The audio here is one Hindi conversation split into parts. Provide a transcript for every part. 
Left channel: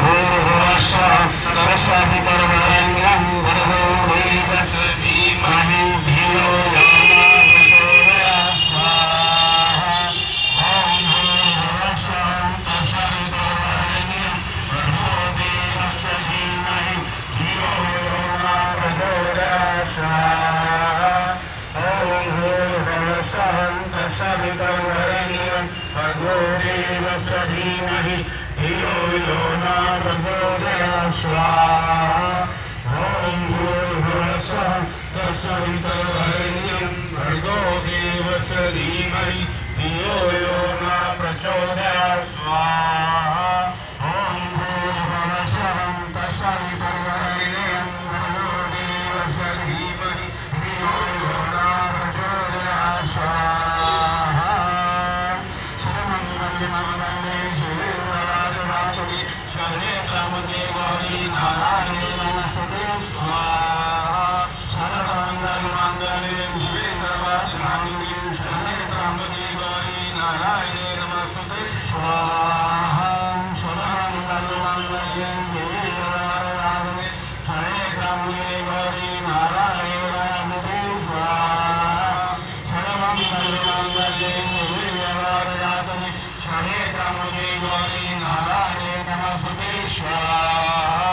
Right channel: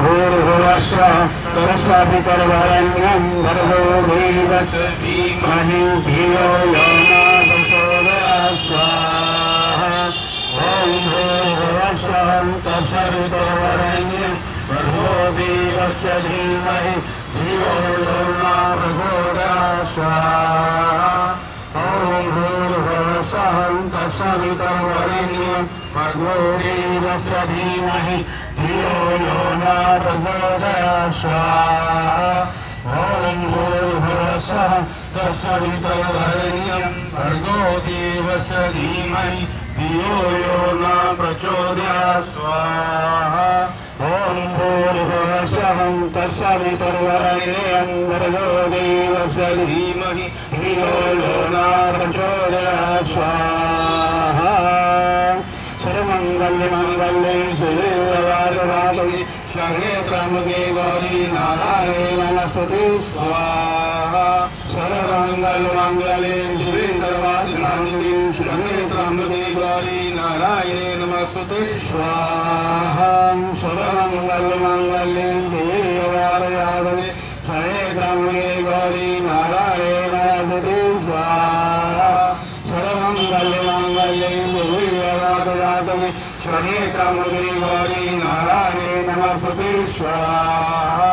भूर्भुवस्सुः तत्सवितुर्वरेण्यं भर्गो देवस्य धीमहि धियो यो न प्रचोदयात् स्वाहा ॐ भूर्भुवस्सुः तत्सवितुर्वरेण्यं भर्गो देवस्य धीमहि धियो यो न प्रचोदयात् स्वाहा ॐ भूर्भुवस्सुः तत्सवितुर्वरेण्यं भर्गो देवस्य धीमहि धियो यो न प्रचोदयात् स्वाहा ॐ भूर्भुवस्सुः तत्सवितुर्वरेण्यं भर्गो देवस्य धीमहि धियो यो न प्रचोदयात् स्वाहा ॐ भूर्भुवस्सुः तत्सवितुर्वरेण्यं भर्गो देवस्य धीमहि धियो यो न प्रचोदयात् स्वाहा सर्वमङ्गलमङ्गले शिवे सर्वार्थसाधके शरणे त्र्यम्बके गौरी नारायणे नमोस्तुते स्वाहा सर्वमङ्गलमङ्गले शिवे सर्वार्थसाधके शरणे त्र्यम्बके गौरी नारायणे नमोस्तुते स्वाहा सर्वमङ्गलमङ्गले शिवे सर्वार्थसाधके शरणे त्र्यम्बके गौरी नारायणे नमोस्तुते स्वाहा सर्वमङ्गलमङ्गले शिवे शरणे त्र्यम्बके गौरी नारायणे नमोस्तुते स्वाहा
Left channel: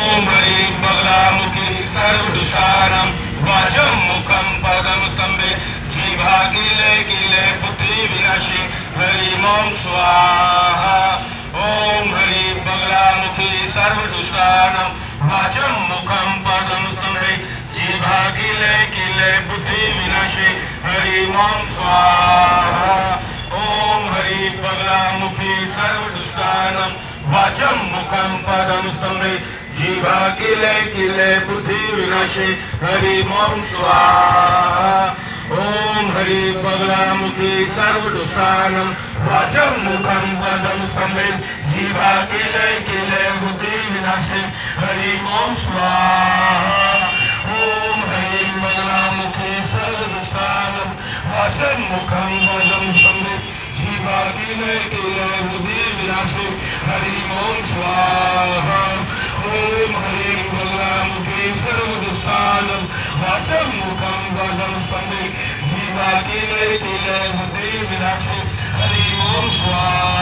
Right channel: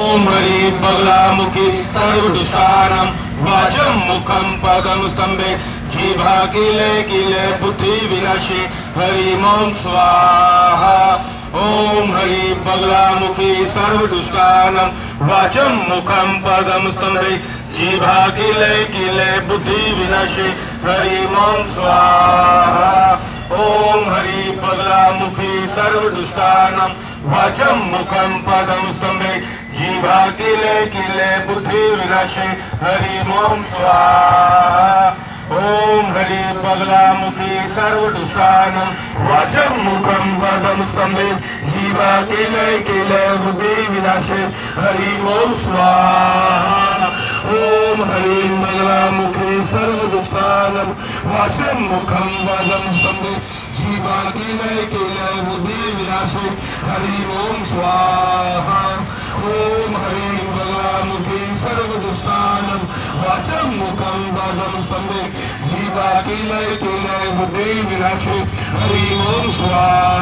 ॐ हरि बगलामुखि सर्वदुष्टानं वाचं मुखं पदं स्तम्भे जिह्वा किले किले बुद्धि विनाशे हरि ओं स्वाहा ॐ हरि बगलामुखि सर्वदुष्टानं वाचं मुखं पदं स्तम्भे जिह्वा किले किले बुद्धि विनाशे हरि ओं स्वाहा ॐ हरि बगलामुखि सर्वदुष्टानं वाचं मुखं पदं स्तम्भे जिह्वा किले किले बुद्धि विनाशे हरि ओं स्वाहा ॐ हरि बगलामुखि सर्वदुष्टानं वाचं मुखं पदं स्तम्भे जिह्वा किले किले बुद्धि विनाशे हरि ओं स्वाहा ॐ हरि बगलामुखि सर्वदुष्टानं वाचं मुखं पदं स्तम्भे जिह्वा किले किले बुद्धि विनाशे हरि ओं स्वाहा ॐ हरि बगलामुखि सर्वदुष्टानं वाचं मुखं पदं स्तम्भे जिह्वा किले किले बुद्धि विनाशे हरि ओं स्वाहा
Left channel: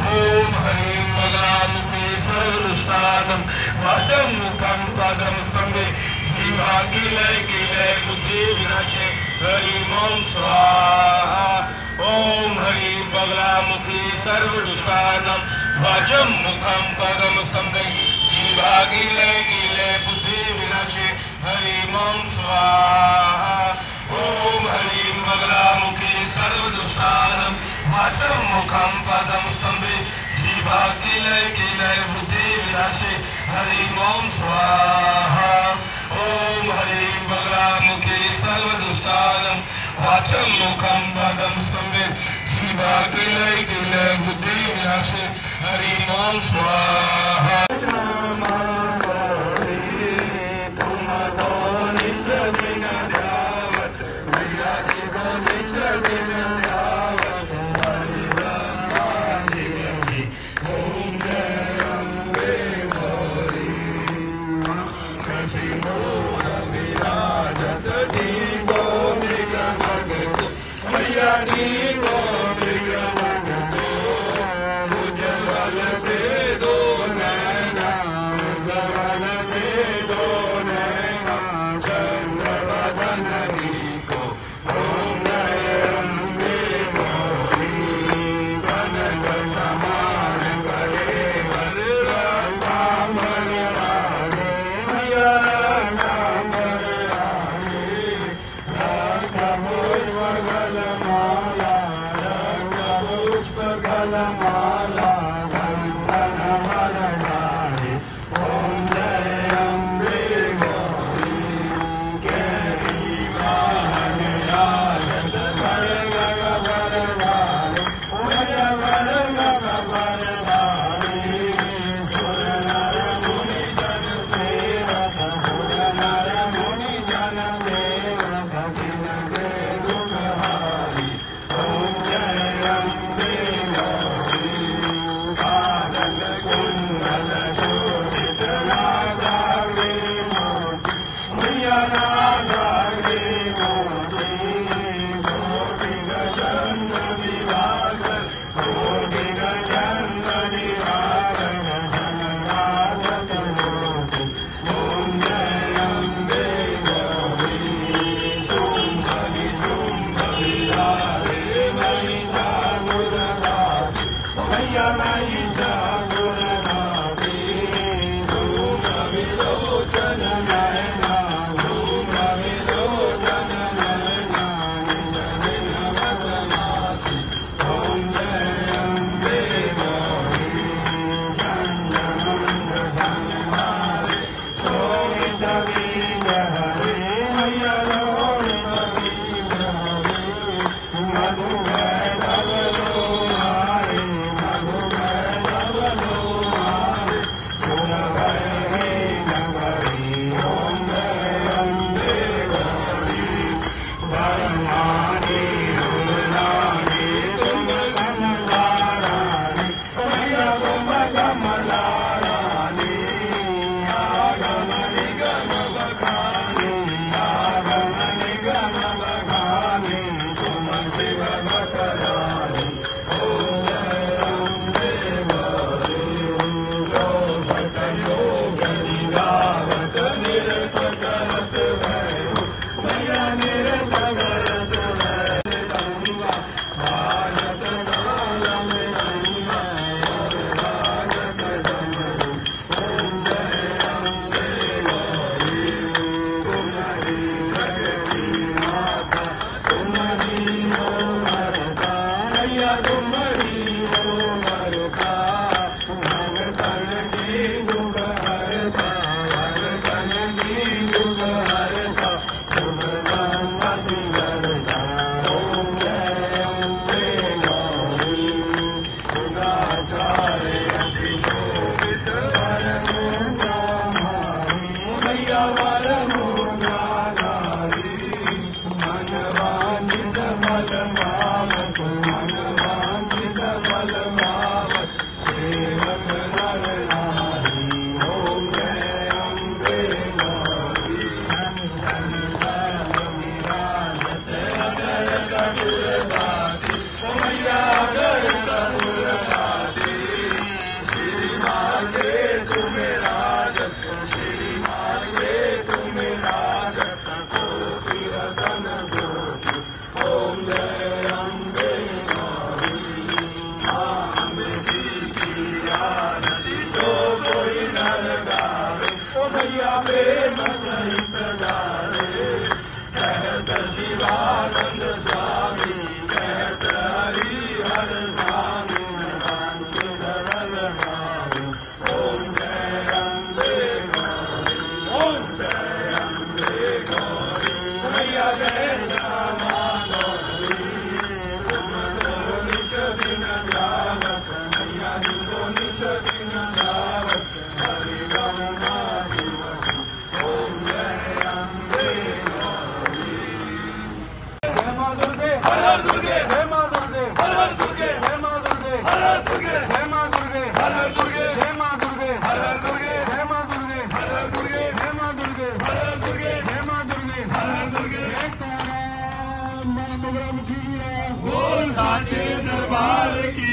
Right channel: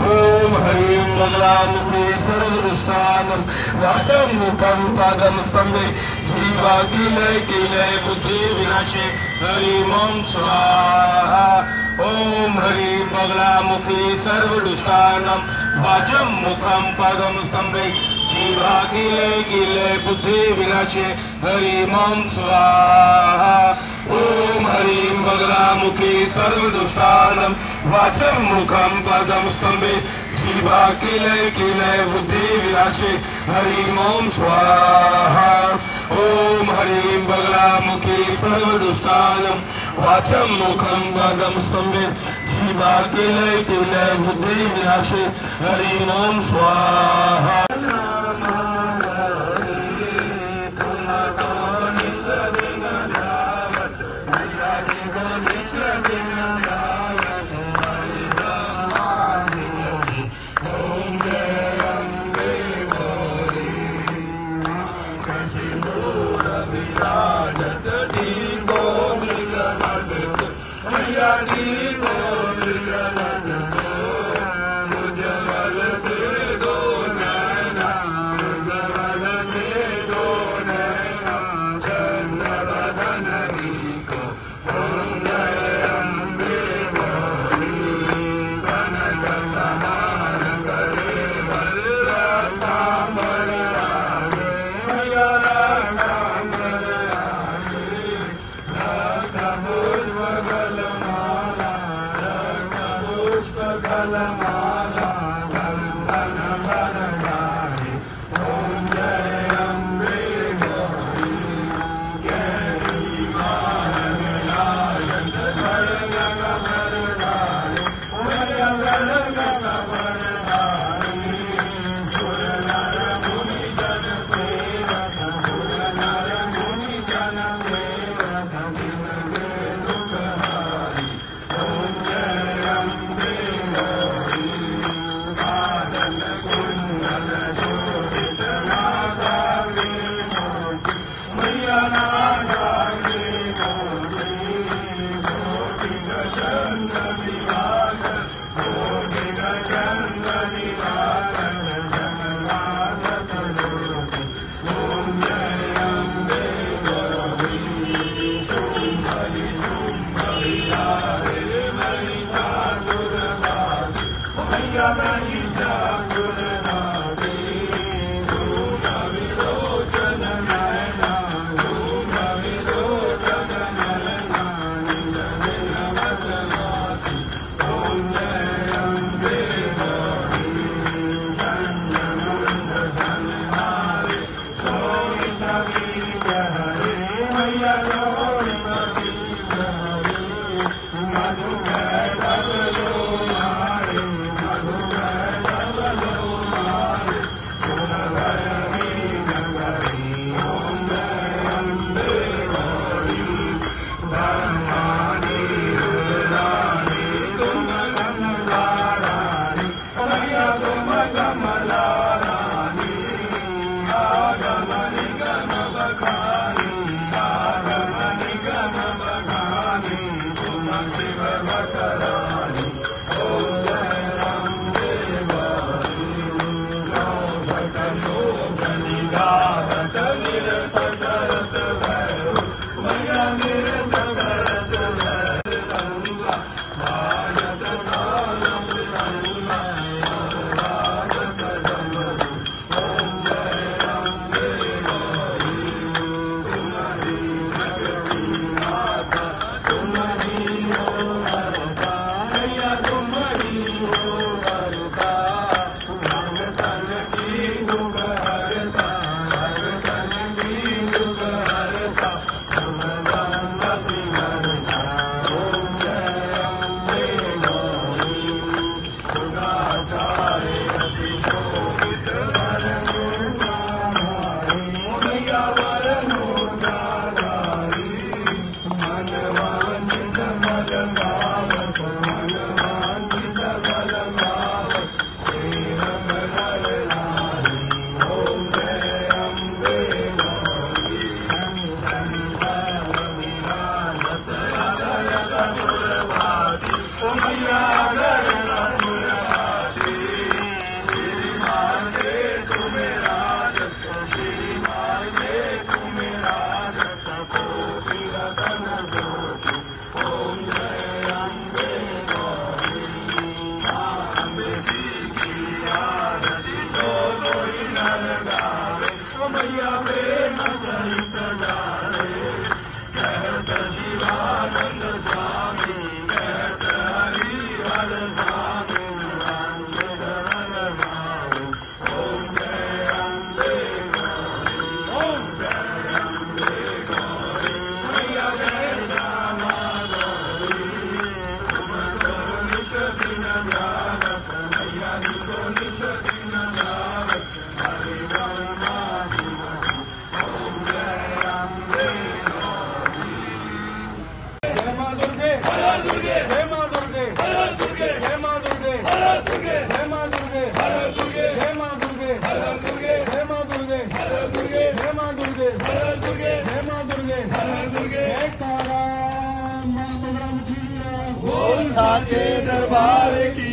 ॐ हरि बगलामुखि सर्वदुष्टानं वाचं मुखं पदं स्तम्भे जिह्वा किले किले बुद्धि विनाशे हरि ओं स्वाहा ॐ हरि बगलामुखि सर्वदुष्टानं वाचं मुखं पदं स्तम्भे जिह्वा किले किले बुद्धि विनाशे हरि ओं स्वाहा ॐ हरि बगलामुखि सर्वदुष्टानं वाचं मुखं पदं स्तम्भे जिह्वा किले किले बुद्धि विनाशे हरि ओं स्वाहा ॐ हरि बगलामुखि सर्वदुष्टानं वाचं मुखं पदं स्तम्भे जिह्वा किले किले बुद्धि विनाशे हरि ओं स्वाहा Maala बोल साचे दरबार की